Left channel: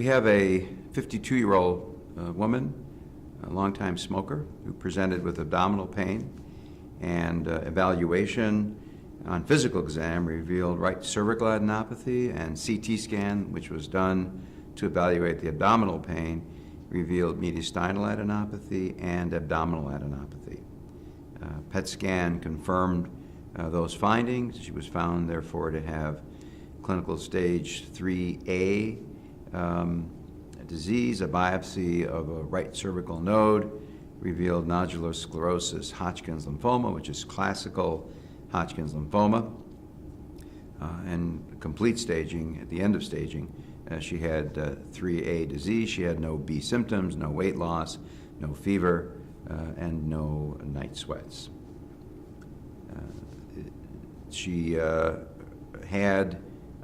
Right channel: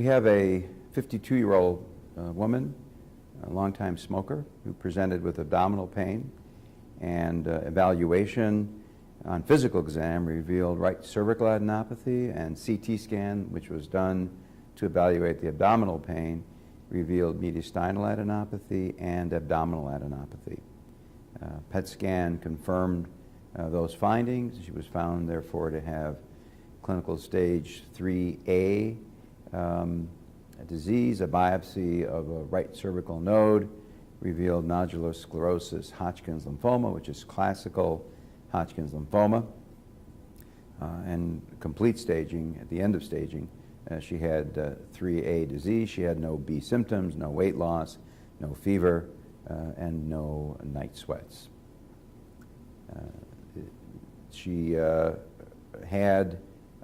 We have a 52-year-old woman, a longtime smoker, who presented with abdominal pain, and evaluation on physical exam revealed right cervical adenopathy, and CT scan, which was done to evaluate the abdominal pain, revealed mediastinal adenopathy and abdominal adenopathy. PET scan confirmed those findings. She was found, therefore, to have clinical stage 3A disease. A biopsy of a right cervical node revealed nodular sclerosis Hodgkin's lymphoma, which is classical Hodgkin's lymphoma, and complete staging. At the end of staging, she had 3A disease. She had no B symptoms, no weight loss, no fever, and no night sweats. She had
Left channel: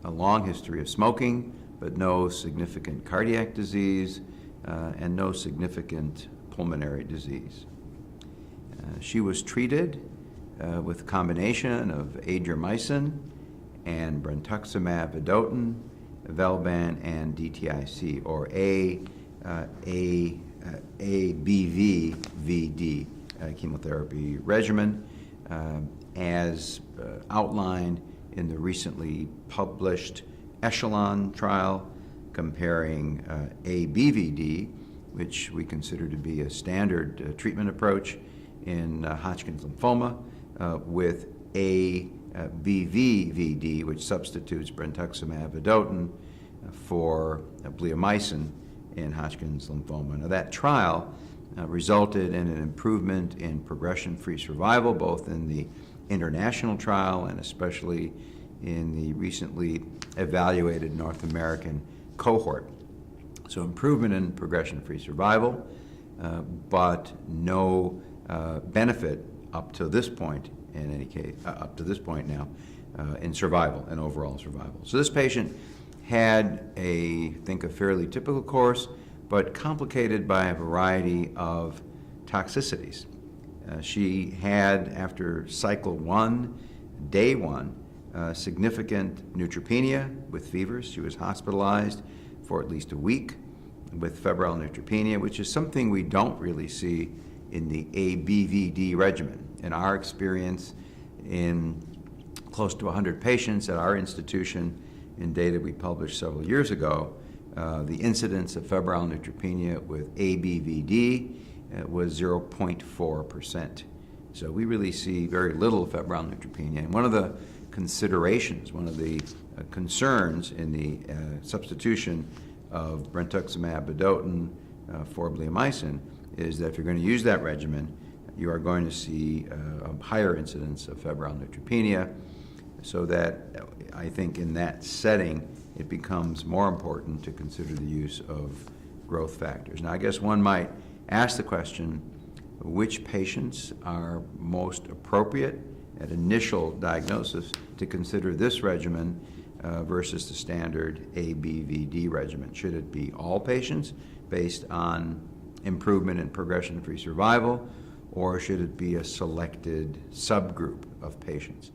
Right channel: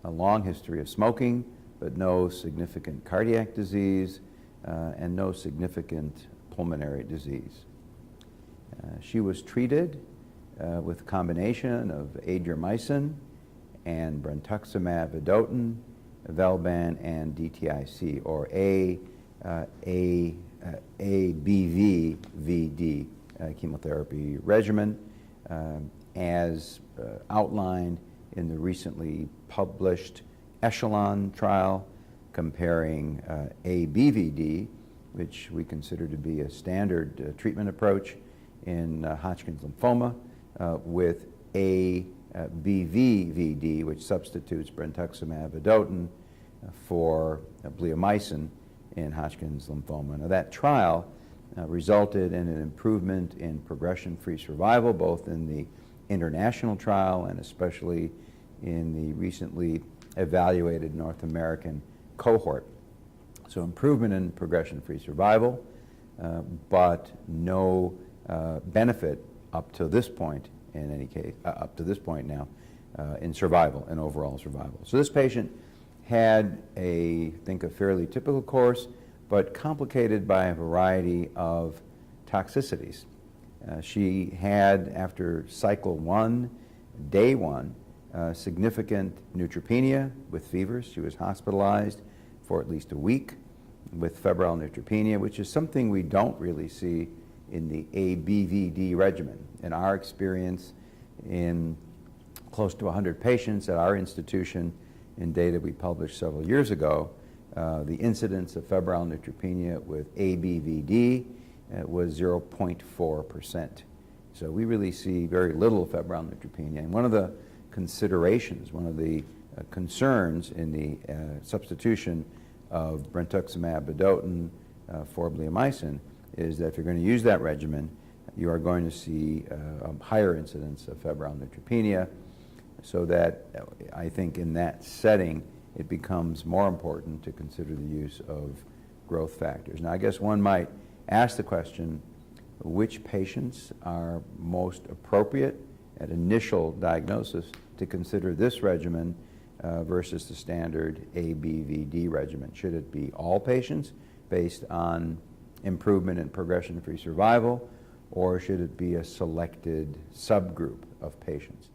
a long history of smoking, but no significant cardiac disease and no significant pulmonary disease. She was treated with a combination of adriamycin and brentuximab vedotin, Velban, and DTIC, or ABVVD chemotherapy regimen, as outlined in the recently published Echelon trial comparing ABVD, which we consider to be a standard treatment approach in Hodgkin's lymphoma, with ABVVD, which substitutes brentuximab vedotin for bleomycin in Hodgkin's lymphoma. Now, that trial resulted in an improvement in progression-free survival, both in the international trial and especially in the recently evaluated North American cohort. So improvement in progression-free survival, but no benefit up to this point, in any case, up to this point now, in survival, in overall survival. So this patient had I think a fairly typical course, but complicated by a variety of toxicities. She had, after cycle 1, day 1, significant neutropenia with fevers. She was hospitalized for at least a week with febrile neutropenia, which is something we don't really see in the ABVD regimen. In our experience, in close to 100 patients at our institution, in data we published several years ago, the incidence of febrile neutropenia with ABVD was 0.4%. So we really see very little febrile neutropenia. And one of the considerations, one of the concerns in the substitution of brentuximab vedotin for bleomycin is that if you're going to use that regimen, you are going to see a higher incidence of febrile neutropenia, so that I think in that setting it becomes more important to consider the use of growth factors. Now, I guess one might ask the question, which patients are most appropriate at initial diagnosis to consider this regimen versus the standard ABVD regimen? Should it be all patients based on improvement in progression-free survival, or should it be a selected subgroup of patients?